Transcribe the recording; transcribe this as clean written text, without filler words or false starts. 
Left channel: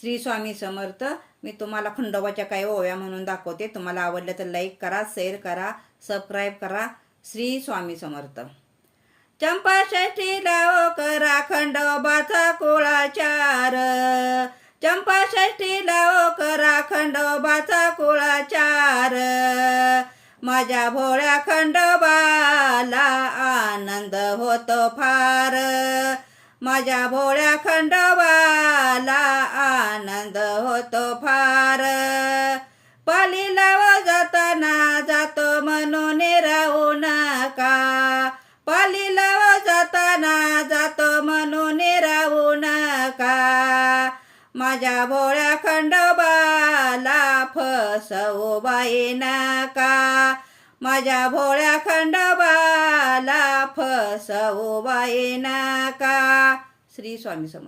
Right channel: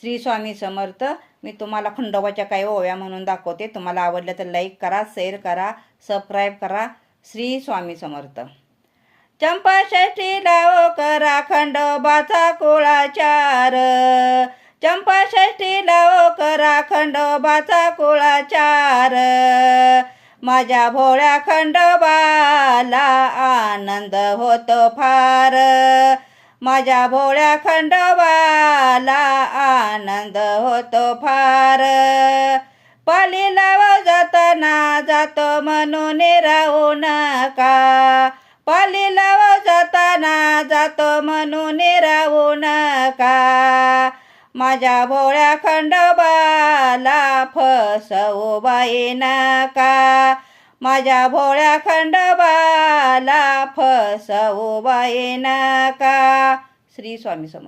श्री स्वामी समर्थ. मी तुम्हाला खंडोबाच्या काही ओव्या म्हणून दाखवते. तुम्हाला आवडलं तर लाईक करा, शेअर करा, सबस्क्राईब करा. श्री स्वामी समर्थ. चंपा षष्ठीला ओ करा खंडोबाचा कुळाचार. चंपा षष्ठीला ओ करा खंडोबाचा कुळाचार. माझ्या भोळ्या खंडोबाला आनंद होतो फार. माझ्या भोळ्या खंडोबाला आनंद होतो फार. पालीला जाताना जातो म्हणून राहू नका. पालीला जाताना जातो म्हणून राहू नका. माझ्या भोळ्या खंडोबाला फसवू बाई नका. माझ्या भोळ्या खंडोबाला फसवू बाई नका. श्री स्वामी समर्थ.